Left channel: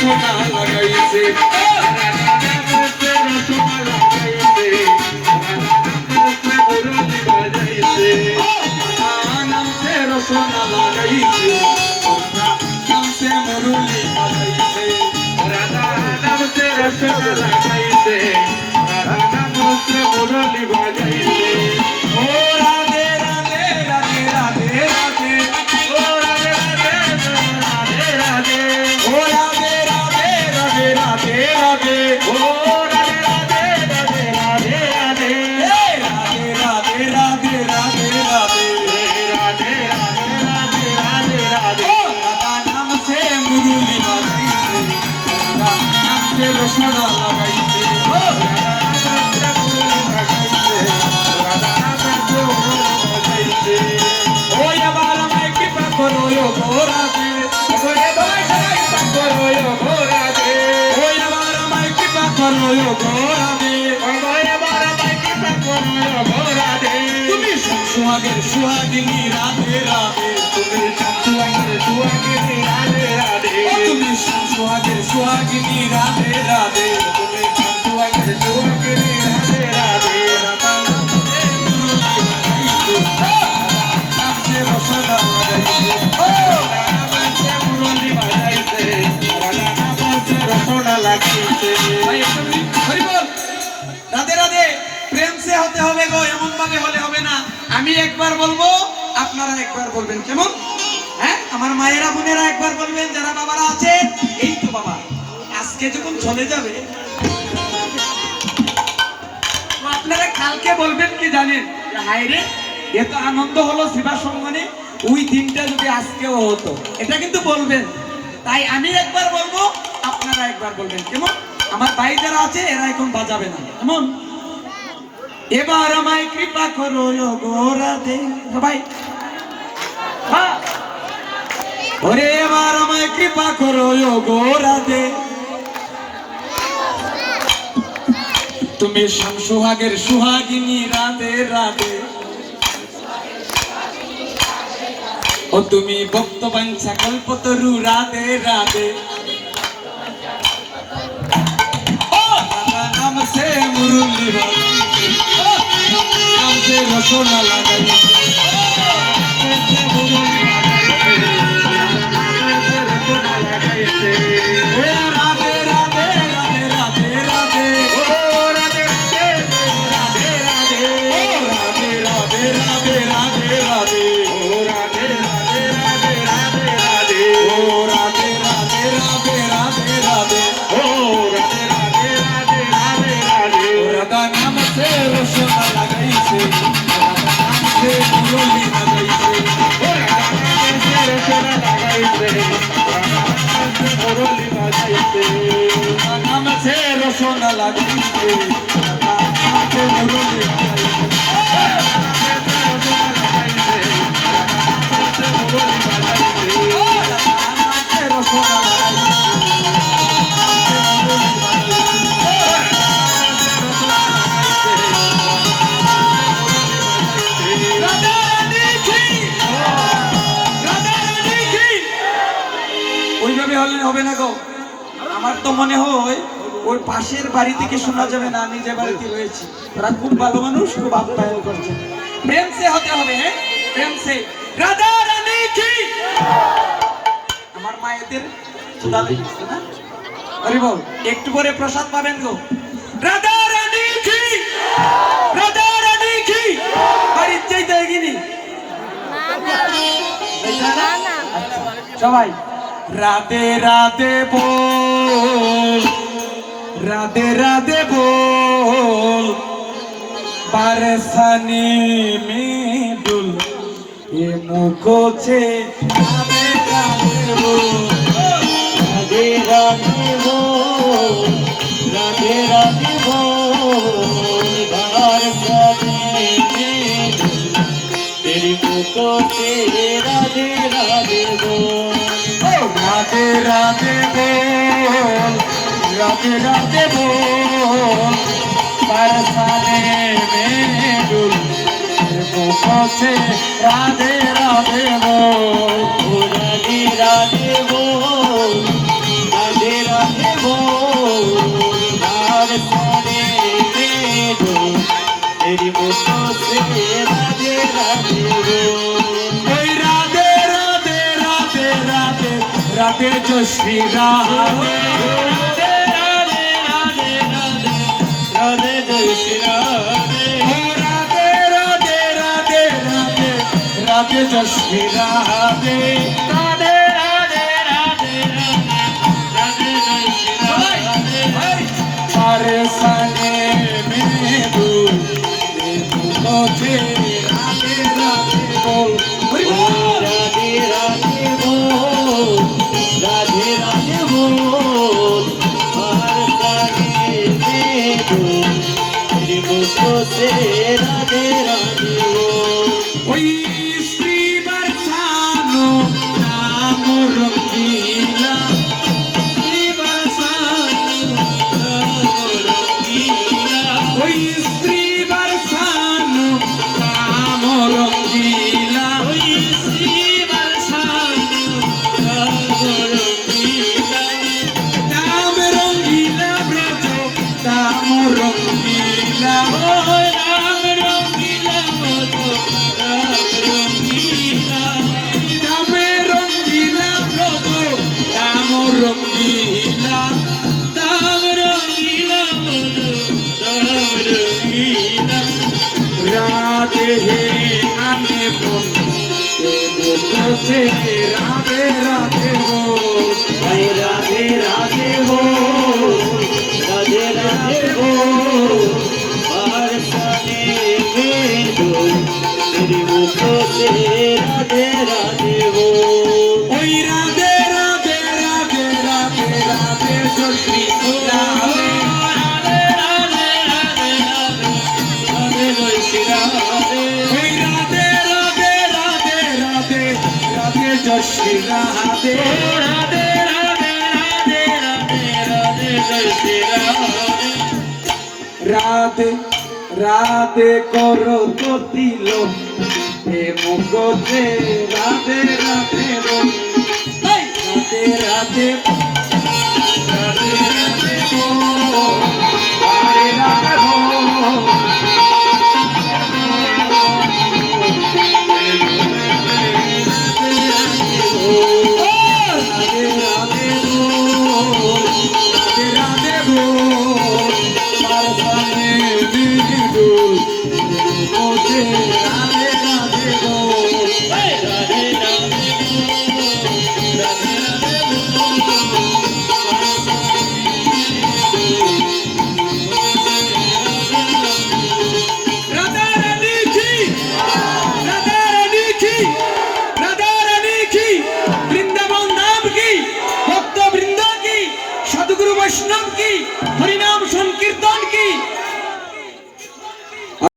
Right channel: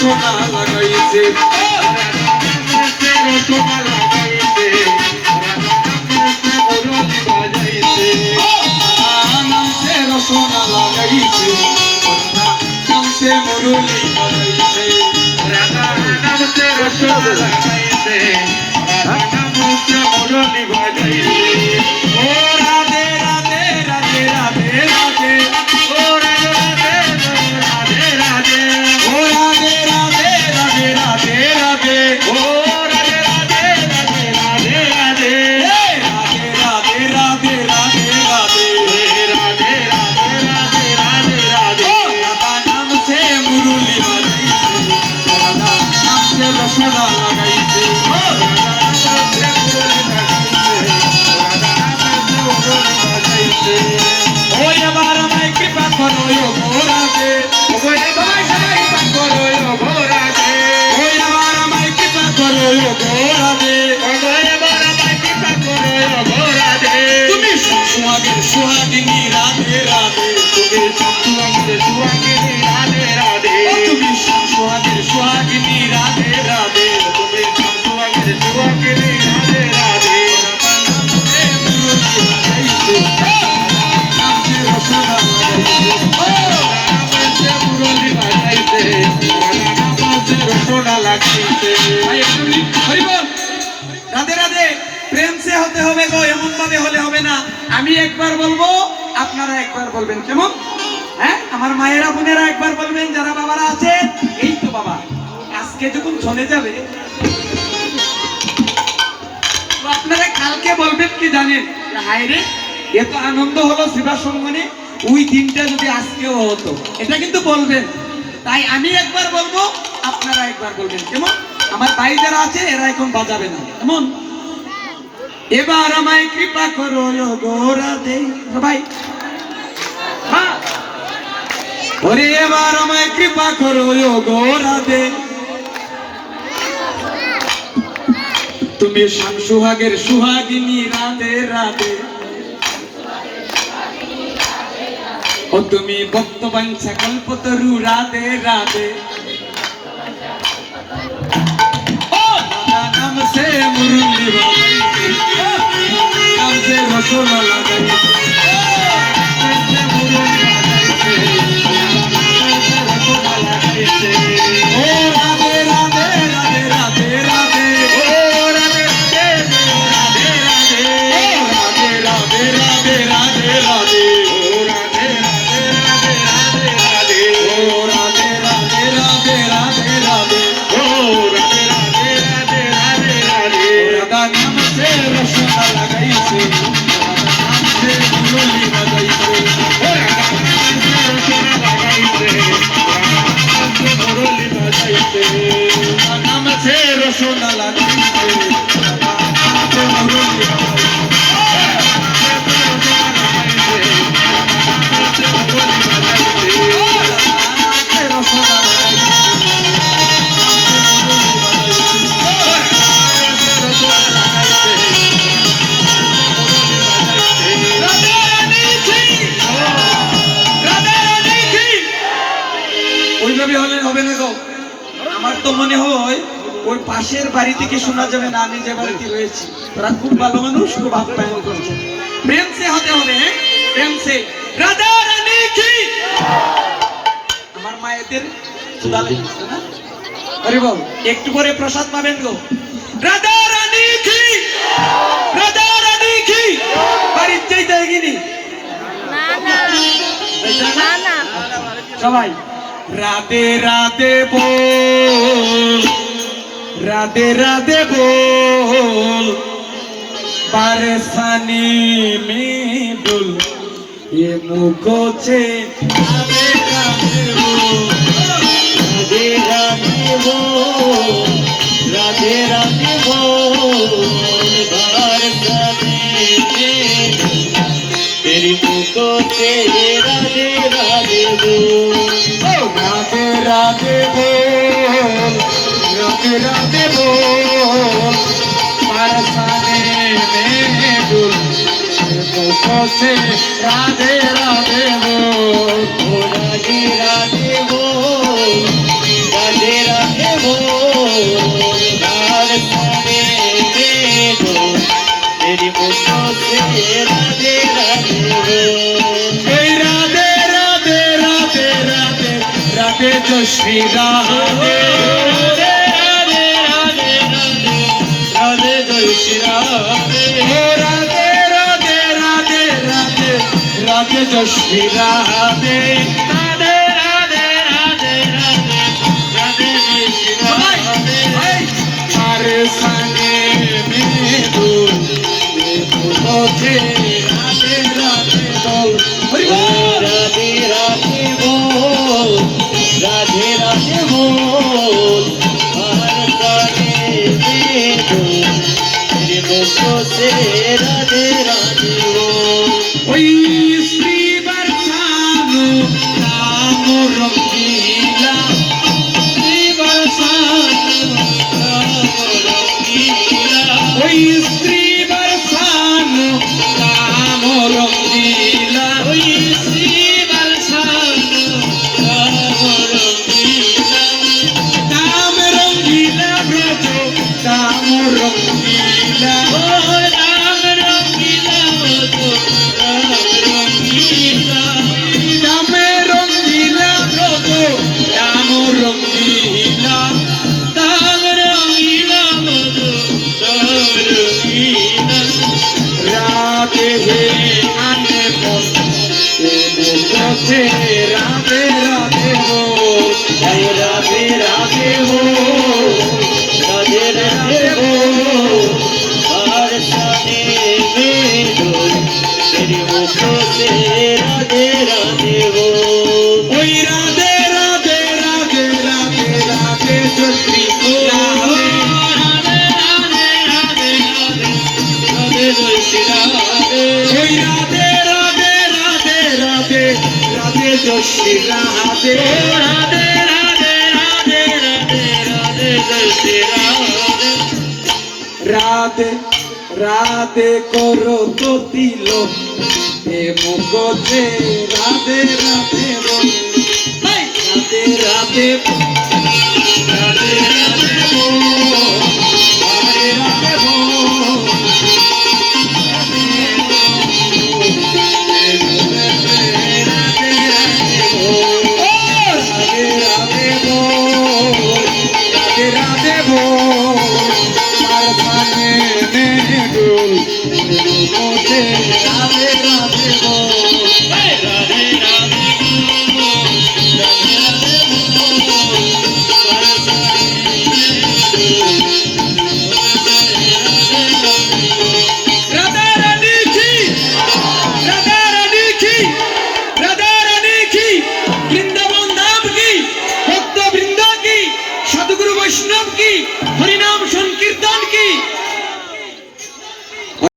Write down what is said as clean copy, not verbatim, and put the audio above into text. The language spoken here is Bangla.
রসনা লাগাইছে রসনা লাগাইছে মুরলি বাজাইছে নামছে রসনা লাগাইছে নামছে মুরলি বাজাইছে নামছে রসনা লাগাইছে নামছে মুরলি বাজাইছে ও রাধে রাধে রাধে রাধে রাধে ও রাধে রাধে রাধে ও রাধে রাধে রাধে রাধে রাধে ও রাধে রাধে রাধে রাধে রাধে রাধে রাধে রাধে রাধে রাধে রাধে রাধে রাধে রাধা নামছে মুরলি বাজাইছে রাধা নামছে রসনা লাগাইছে রাধা নামছে মুরলি বাজাইছে রাধা নামছে মুরলি বাজাইছে ও এবার আমায় কৃপা করো গো রাধে ও এবার আমায় কৃপা করো গো রাধে ও এবার আমায় কৃপা করো গো রাধে ও এবার আমায় কৃপা করো গো রাধে তুমি সুহাগের সুহাগিনী রাধে রাধে তুমি সুহাগের সুহাগিনী রাধে রাধে তুমি সুহাগের সুহাগিনী রাধে রাধে তুমি সুহাগের সুহাগিনী রাধে রাধে রাধে রাধে প্রেম সে হতে হবে গো, এমন ভাবে হলে হবে না। আমি একবার বলবো, আপনারা একবার বলবেন, কেমন? হ্যাঁ, আমার মায়েরা বোনেরা একবার বলবেন, যারা বাবারা আছেন। এই তো বাবা, আজকে যখন চলে যাবে আপনারা কালকে বলবেন কি জানেন? হায় রে, এত আনন্দ হলো সেবা সম্মানে, ওই দিনটা যদি আজকেও হতো, এটা কিন্তু বলবেন। তাই আমি একবার বলবো, আপনারা একবার বলবেন, কেমন? আমার ভাই যারা আছে এরা এখন বাজাবে না, কেমন? এবার আমায় কৃপা করো গো রাধে ভাই, হ্যাঁ ওরে এবার আমায় কৃপা করো গো রাধে, তুমি সুহাগের সুহাগিনী রাধে রাধে, ও তুমি ভক্ত বাঞ্ছা কল্পতরু রাধে রাধে, ও নামছে মুরলি বাজাইছে, নামছে রসনা লাগাইছে, নামছে মুরলি বাজাইছে, নামছে রসনা লাগাইছে, ও রাধে রাধে রাধে রাধে রাধে, ও রাধে রাধে রাধে রাধে রাধে রাধে রাধে, ও রাধে রাধে রাধে রাধে রাধে, ও রাধে রাধে রাধে রাধে রাধে, ও রাধে রাধে রাধে রাধে রাধে, রাধা নামছে রসনা লাগাইছে, রাধা নামছে মুরলি বাজাইছে, রাধা নামছে রসনা লাগাইছে, রাধা নামছে মুরলি বাজাইছে, রাধা নামছে রসনা লাগাইছে, রাধা নামছে মুরলি বাজাইছে। ওইভাবে হলে হবে না গো, আমার তো মনে হয় ওর পাশের বাড়ি থেকে শোনা যাবে না আমি যে বাড়িতে রয়েছি, তারা খুব ভালো মানুষ, খুব আপ্যায়ন করছে। প্রেম সে হতে হবে, প্রেম সে। রাধা রানী কি, আমার মায়েদের চুলা লেগেছে না? আরে বাবু, একটু পরে প্রসাদ পাবেন গো। রাধা রানী কি, রাধা রানী কি, বাড়ির চাইতে এগিনি না না না না সবাই রাধে রাধে বল, রাধে রাধে বল, পারেশানি में डुल ये मुखो से राधे राधे बोल, राधे राधे बोल, राधे राधे बोल, पारेशानी में डुल तेरी मुखो से राधे राधे बोल, राधे राधे बोल, राधे राधे बोल, पारसाने में डुल मुखों से राधे राधे बोल, राधे राधे बोल, राधे राधे রাধে রাধে জশ্রী রাধে রাধে জয় শ্রী রাধে ও রাধে রাধে রাধে রাধে রাধে জশ্রী রাধে রাধে রাধে রাধে রাধে জয় শ্রী রাধে আরে সানে মেদু মুঝে রাধে রাধে বল হরি বল রাধে রাধে বল রাধে রাধে বল हर गाने में दो तेरे मुखों से राधे राधे बोल ওই শ্রী বর্ষানো রাম রঙ্গিলা श्री बरसात राम रंगीला ওই শ্রী বর্ষানো রাম রঙ্গিলা ओई श्री बरसात राम रंगीला রাম রঙ্গিলা ব্রজ রাম রঙ্গিলা राम रंगीला मधु राम रंगीला রামে রঙ্গিলা ব্রজ রাম রঙ্গিলা राम रंगीला मधु राम रंगीला রাধে হে আনে মন রাধে রাধে রাধে বল जय राधे राधे हो राधे राधे हो बरसाने में बोल तेरे मुखों से राधे राधे हो ওই রাধে রাধে রাধে রাধে রাধে জশ্রী রাধে राधे जय श्री राधे ওই রাধে রাধে রাধে রাধে রাধে জশ্রী রাধে राधे राधे राधे राधे राधे जय श्री राधे রাধে রাধে করো তো দিল এ মুগজে রাধে রাধে বল রাধে রাধে রাধে রাধে বল আরে রাধে বল রাধে রাধে বল রাধে রাধে বল বরসানে में डूब मुझे